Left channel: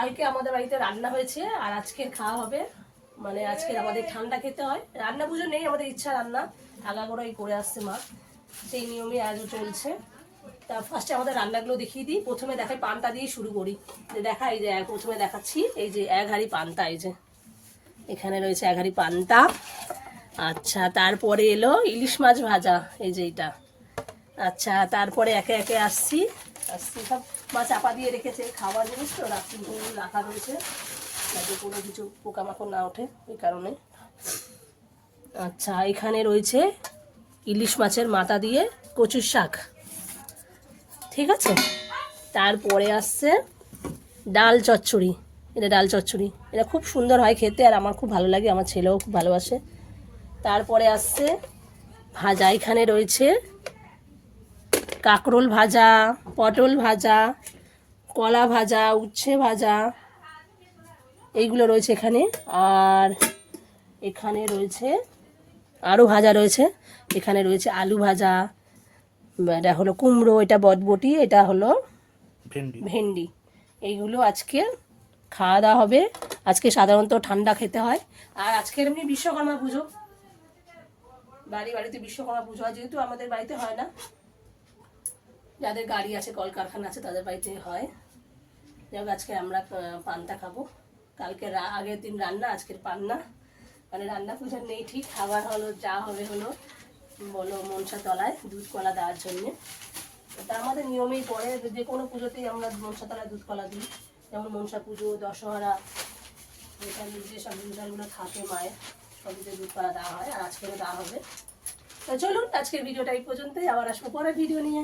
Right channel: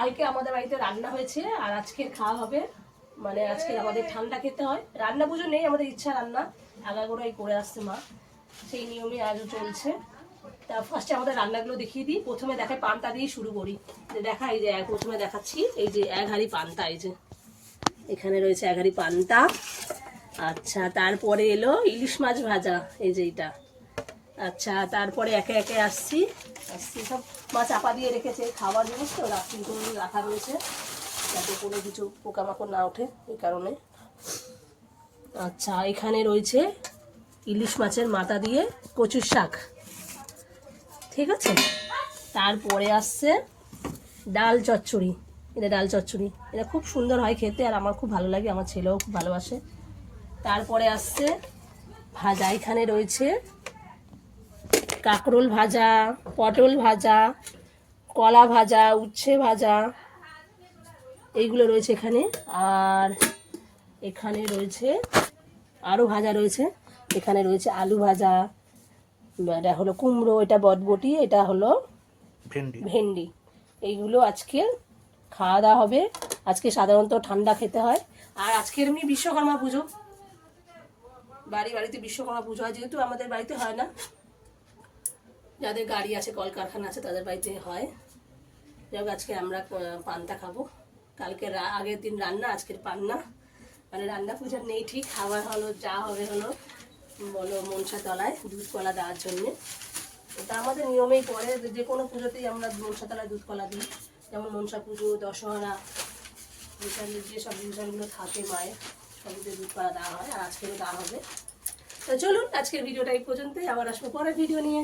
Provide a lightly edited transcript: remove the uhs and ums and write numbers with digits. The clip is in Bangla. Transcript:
কালকে আমাদের বাড়িতে রান্না হয়েছে আর আজকের খাওয়া হবে। মানে আজকের আমাদের ঠান্ডা খেতে হয়, রান্না পুজো নেই, আমাদের ইচ্ছা রান্না আগাগোড়াই করে আসছে মা, সেই নিয়মই আজও চলছে। তা ফার্স্টে আমাদের রান্নাগুলো দেখিয়ে দিই। প্রথমে দেখাই পান্তা দিয়ে শুরু করি। দেখা এই যে প্রথমে দেখাচ্ছি, এই যে 1 হাঁড়ি পান্তা, এই যে এখানে রয়েছে 1 হাঁড়ি পান্তা। আচ্ছা, তারপরে এলো ইলিশ মাছ ভাজা, এই যে এটা। আচ্ছা, তারপরে একে একে আসছি সব মা চাপা দিয়ে রেখেছে, খাবার জিনিস তো রাত্রিগুলো রাখা রয়েছে যাতে কোনো কিছু পোকামাকড় না ওঠে, এই কারণে। আচ্ছা, এখানে রয়েছে ইলিশ মাছের মাথা দিয়ে কচুর শাক, ঠিক আছে। তারপরে আসছে ডাল চচ্চড়ি, এটা ডাল চচ্চড়ি, এটা খুব সুন্দর হয় খেতে আর আমার খুব ভালো লাগে, আমার ছেলেও খুব ভালোবাসে। তারপরে আসছে ভাজা, এখানে রয়েছে কাঁকরোল ভাজা, পটল ভাজা, কলা ভাজা, উচ্ছে ভাজা, এইগুলো রয়েছে এখানে। আর এখানে রয়েছে আরও ভাজা রয়েছে, এখানে রয়েছে আলু ভাজা, এটা হলো কুমড়ো, এটা বটবটি, এটা হলো ভেন্ডি। এইগুলো আজকে খাওয়া দাওয়া হবে। আজকে সাধারণত ঠান্ডা খেতে হয়। আর আজকের এমনি বিশ্বকর্মা পুজো, বাড়িতে বিশ্বকর্মা পুজো হয়, যেহেতু আমাদের বাড়িতে হয় না, যাদের গাড়ি আছে কলকারখানা আছে তাদের বাড়িতে হয়। যাই হোক, আজকে আমরা পান্তা খাবো। কালকে আগের দিন রান্না, আজকের পান্না, মানে রান্না পুজো নেই ঠিক, খাবার হলো যা হবে হলো, বলো মনসা তলায় দুধ কলা দেওয়ার জন্যে। এটা আমাদের নিয়মেই পড়ে, যে কোনো পুজোতেই আমরা মনসা তলায় দুধ কলা দিই, যেমন মনসা পুজো, দশহরা, এখানে যেসব অনুষ্ঠানগুলো থাকে মায়ের, সবইতে দুধ কলা দেওয়া হয়, আর আজকেরও দেওয়া হবে। তো চলুন, আজকের ভিডিওটা এই পর্যন্তই, আবার আসবো পরের ভিডিও নিয়ে।